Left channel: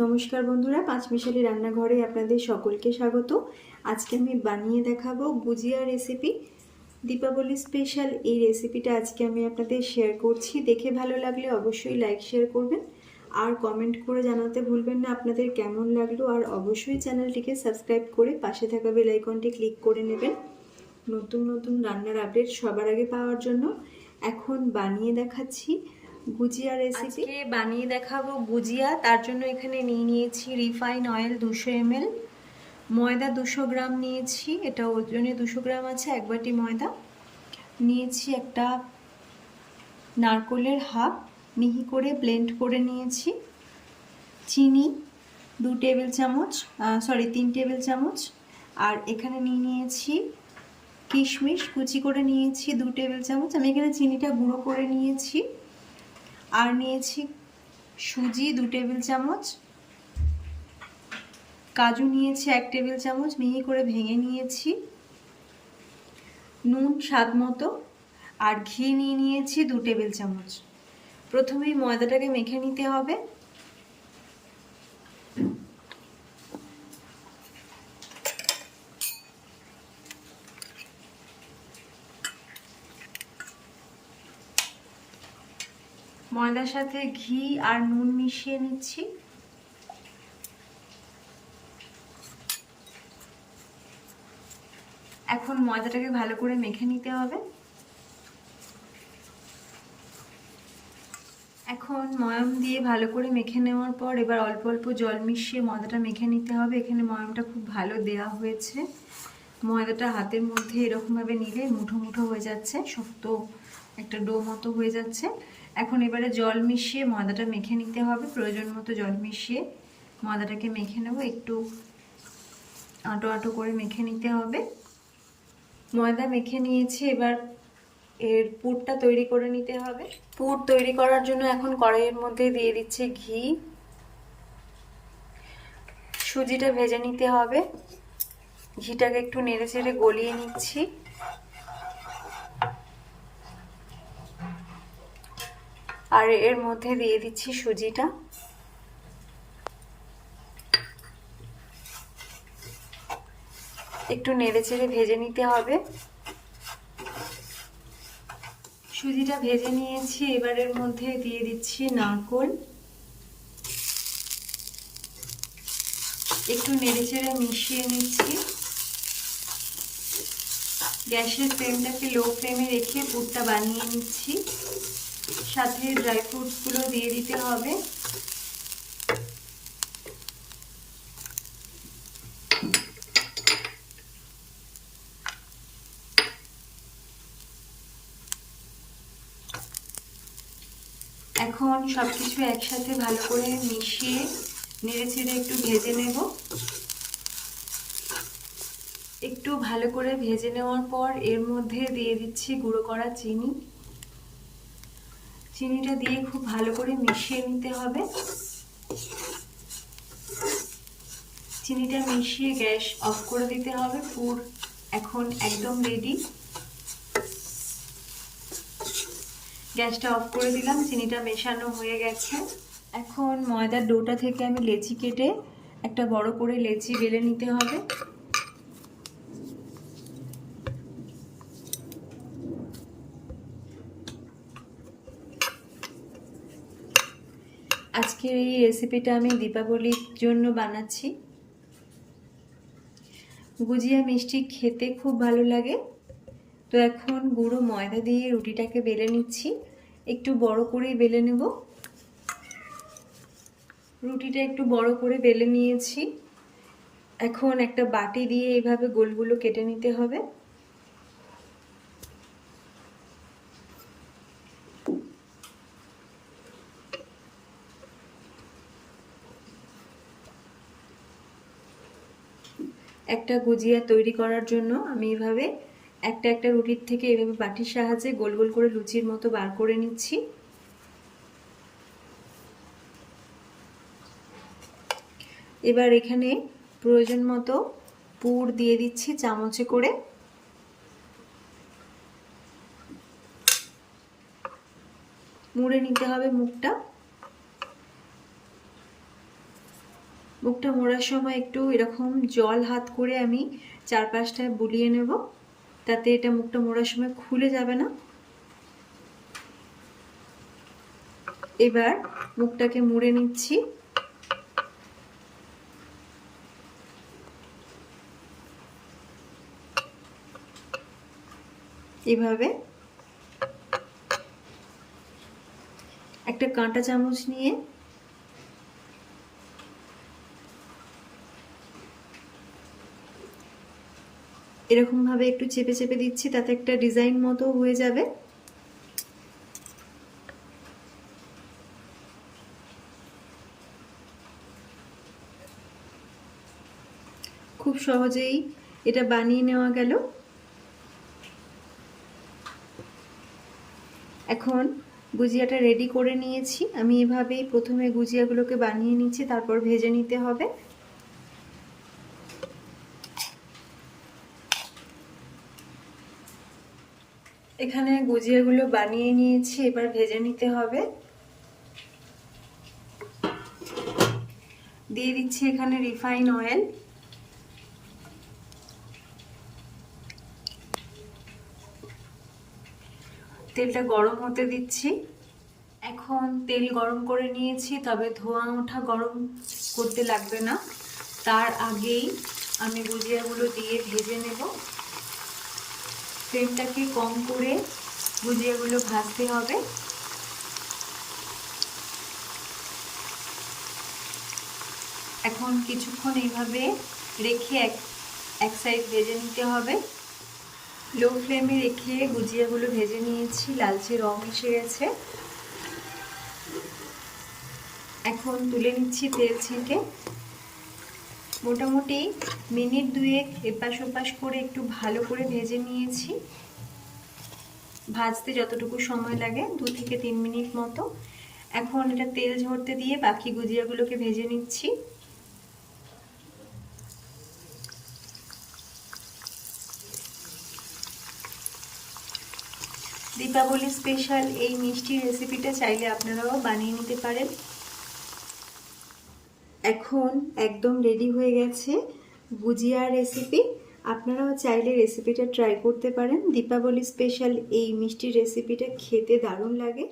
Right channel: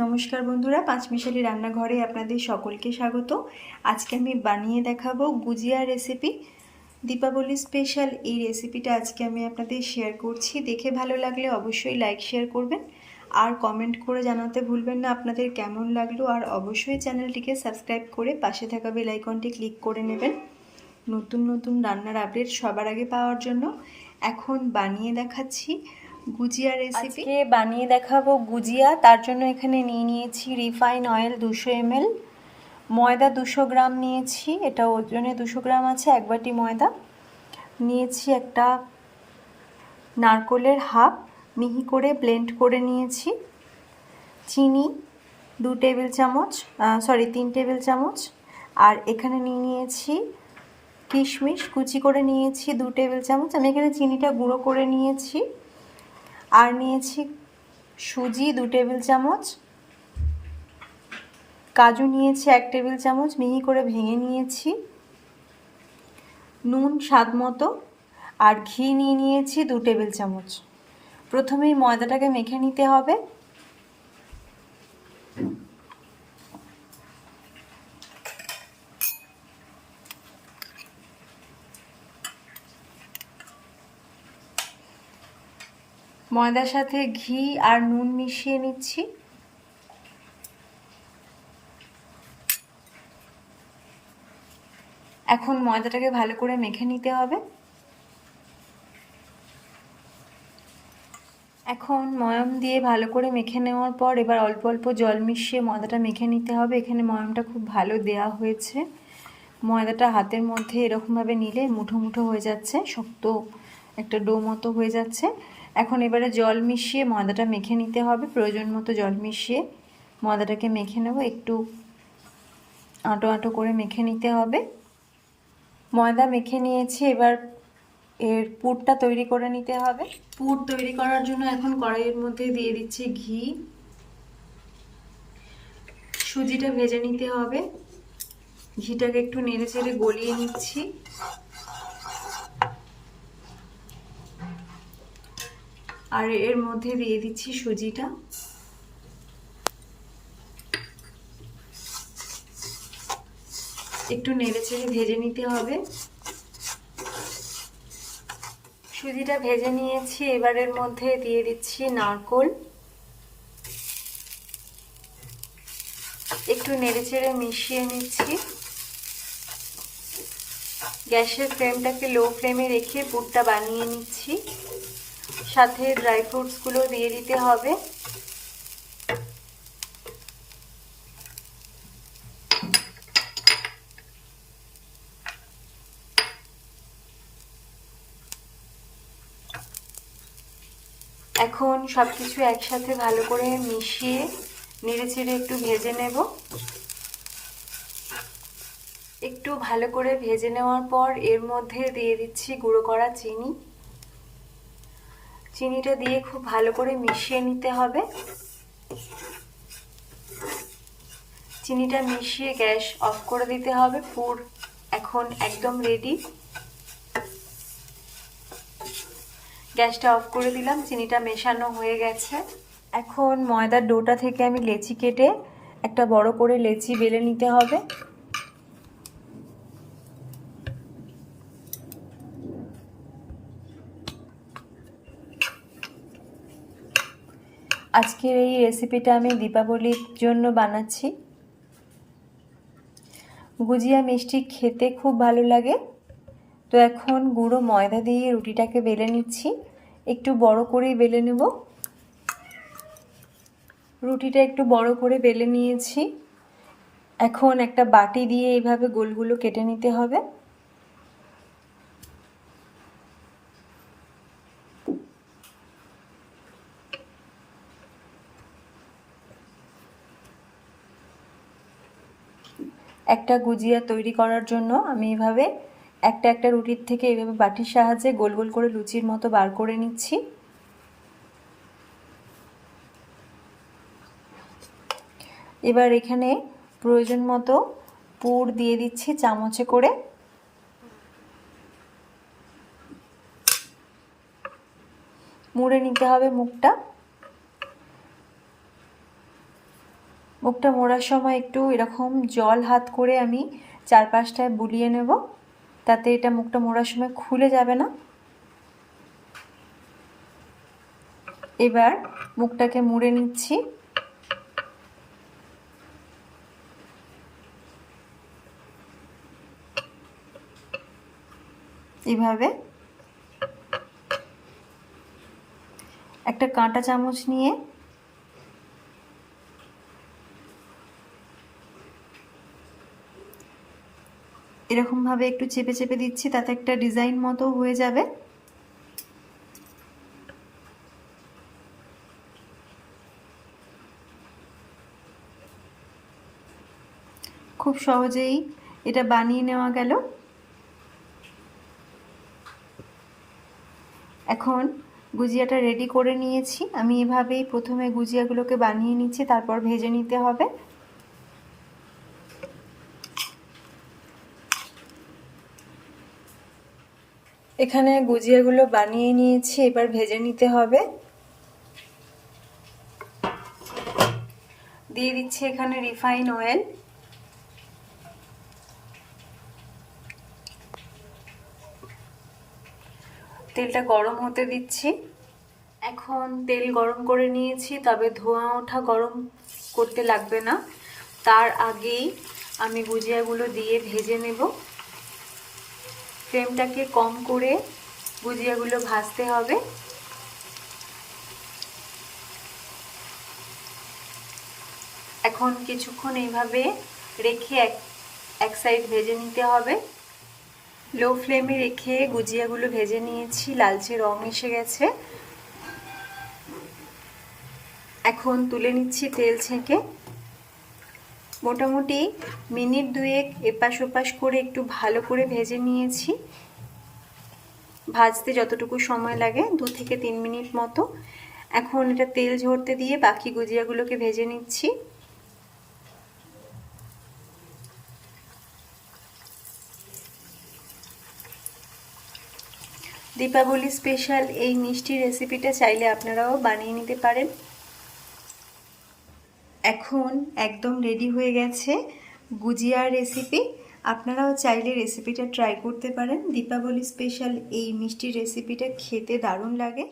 নমস্কার বন্ধুরা, পাঁচমিশালি রান্নাঘরে আপনাদের সকলকে স্বাগত। আজকে আমি বানিয়ে দেখাবো গুজিয়া রেসিপি দীপাবলি স্পেশাল এই রেসিপিটা আজকে আমি আপনাদের শেয়ার করছি। দেখে ভালো লাগলে অবশ্যই লাইক শেয়ার করবেন। আর কমেন্ট করে জানাতে ভুলবেন না, আপনাদের কেমন লাগল। আর অবশ্যই চ্যানেলটিকে সাবস্ক্রাইব করে পাশে থাকা বেল আইকনটি ক্লিক করে নেবেন। নতুন নতুন রান্নার আপডেট সবার আগে পাওয়ার জন্য। এখন বানিয়ে দেখাচ্ছি গুজিয়া রেসিপি আজকে বানিয়ে দেখাবো গুজিয়া। তার জন্য এখানে নিয়ে নিয়েছি রিফাইন অয়েল দুশো এমএল ময়দা দুশো গ্রাম নিয়েছি। এটা ওজনে দুশো গ্রাম আছে, এক বাটি ময়দা। নিয়েছি একটা নারকোলের হাফ। মিহি করে ব্লেন্ড করে নিয়েছি। চিনি দু টেবিল চামচ সরি তিন টেবিল চামচ। আর এখানে নিয়ে নিয়েছি কিশমিশ। কুচি করে নিয়েছি দু টেবিল চামচ। আমি এখানে চিনিটা গুঁড়ো করে নিয়েছি। আর নিয়েছি সুজি দু টেবিল চামচ। কাজু নিয়েছি এক টেবিল চামচ, মিহি করে ভেঙে নিয়েছি। নুন স্বাদ মতো আর ঘি নিয়ে নিয়েছি দু টেবিল চামচ। প্রথমেই ময়দাটাকে মেখে নিতে হবে। ময়দার সাথে ঘি আর নুন মিশিয়ে নিচ্ছি। এখন ময়দাটাকে ভালো করে মেখে নিতে হবে। এখন ময়ম দিয়ে ভালো করে মেখে নেওয়ার পর এবার অল্প অল্প জল মিশিয়ে ময়দাটা মেখে নিতে হবে। এখানে ময়মটা খুব ভালো দেয়া হয়েছে। ময়দাটা হাতের মধ্যে এরকমভাবে নিলে মুঠো মুঠো হয়ে যাচ্ছে, শক্ত একটা ডো মতো হয়ে যাচ্ছে। এখন এবারে জল মিশিয়ে ময়দাটা মেখে নিতে হবে। প্রয়োজন মতো জল মিশিয়ে ময়দাটাকে মেখে নেব। একটু আঁটো আঁটো করে মেখে নিতে হবে। ময়দা মেখে নিয়েছি, এবার এর পুরটা তৈরি করে নিতে হবে। পুর তৈরি করার জন্য এখন কড়াইয়ের মধ্যে দিয়ে দিচ্ছি ঘি। সুজিটা ভেজে নিতে হবে। ঘিটাকে একটু নেড়ে চেড়ে গলিয়ে নিচ্ছি। আর এর মধ্যে দিয়ে দিচ্ছি সুজিটা। একটু নেড়ে চেড়ে ভেজে নিতে হবে। সুজিটা ভেজে নিয়েছি, এবারের মধ্যে দিয়ে দিচ্ছি নারকোল। একটু নেড়ে চেড়ে মিশিয়ে নিচ্ছি। গ্যাসের ফ্লেমটাকে লো ফ্লেমে রেখে পুরটা বানিয়ে নিচ্ছি। সাথে ড্রাই ফ্রুটসগুলো দিয়ে দিতে হবে। এখন সব কিছু একসাথে ভালো করে মিশিয়ে নেড়ে চেড়ে একটু ভেজে নেব। একটু ভালো করে ভেজে নেওয়ার পর এর মধ্যে দিয়ে দিচ্ছি গুঁড়ো করা চিনি। চিনিটা দিয়ে খুব ভালো করে মিশিয়ে নিতে হবে। চিনিটা মিশিয়ে গ্যাস অফ করে দিতে হবে, পুর এখন একদম রেডি গ্যাসটা অফ করে দিলাম, চিনিটা মেশানো হয়ে গেছে। এখন ময়দার ডোটা থেকে আমি লেচি কেটে একটা বড় করে লেচি বেলে নিতে হবে। আজকের এই রেসিপিটা আমি দীপাবলির জন্য বানাচ্ছি। গুজিয়া মিষ্টি খেতে খুব ভালো লাগে। তো এখন গুঁড়ো ময়দা দিয়ে রুটিটাকে বেলে নিচ্ছি। একটু বড় করে বেলে নেব। রুটিটা একটু বড় করে বেলে নিয়েছি। এখন একটা বাটি দিয়ে এইভাবে গোলগুলো কেটে নিতে হবে। একটা গুজিয়া তৈরি করার জন্য আমি এভাবে একটা একটা রুটির থেকে এভাবে বাটির সাহায্যে গোল গোল করে লুচির মতো বার করে নিচ্ছি। এবার এখানে প্রয়োজন মতো পুর দিয়ে দিচ্ছি চামচে করে। মুড়ে নিতে হবে মুখটা। মুখটা মোড়ার সময় একটু এরকম জল হাত করে আমি চার পাঁচটায় বুলিয়ে নেব। তাতে এটা মুখটা মোড়ার সময় খুলে যাবে না। এবার মুখটাকে মুড়ে নিচ্ছি। এভাবে একটা কাঁটা চামচ নিয়ে এরকমভাবে একটু চেপে চেপে দিচ্ছি, তাতে একটা ডিজাইন মতো হয়ে যাবে। খুব সহজেই এটা বানিয়ে নেওয়া গেল। এখন গুজিয়াটা রেডি করে নিয়েছি। আমি এভাবেই প্রথমে গুজিয়াগুলোকে বানিয়ে নিচ্ছি, তারপর ভেজে নিতে হবে। এখানে গুজিয়াগুলো বানিয়ে নিয়েছি, এবার ভেজে নিতে হবে। দিয়ে দিচ্ছি এখানে রিফাইন অয়েল। তেলটা গরম হতে দিচ্ছি। এখন তেল গরম করে নিয়েছি, তবে ধোঁয়া ওঠা গরম করতে লাগবে না। তার আগেই আমি গুজিয়াগুলো দিয়ে ভেজে নেব। ফ্লেমটাকে কম করে গুজিয়াগুলো ভাজতে হবে। এখন কিছুক্ষণ এইভাবে রেখে এক এক সাইড ভেজে নিতে হবে। লো ফ্লেমে রেখে গুজিয়াগুলো ভেজে নিয়েছি, লালচে রং এসে গেছে। এখন তুলে নিচ্ছি তেল ছেঁকে। মোটামুটি মিনিট দুয়েক এপাশ ওপাশ করে একটু ভালো করে ভেজে নিয়েছি। ভাজতে যতটুকু সময় লাগে, দু থেকে তিন মিনিট মতো। এখন এটা তেল ঝরতে দিয়ে বাকি গুজিয়াগুলোকে ভেজে নিচ্ছি। দীপাবলি স্পেশাল এই মিষ্টি রেসিপিটা চাইলে আপনারাও বানিয়ে নিতে পারেন। এখন একদম রেডি হয়ে গেছে গুজিয়ার রেসিপি আপনারাও চাইলে রেসিপিটা ট্রাই করতে পারেন। দীপাবলি স্পেশাল এই মিষ্টি রেসিপিটা খেতে দারুণ লাগে।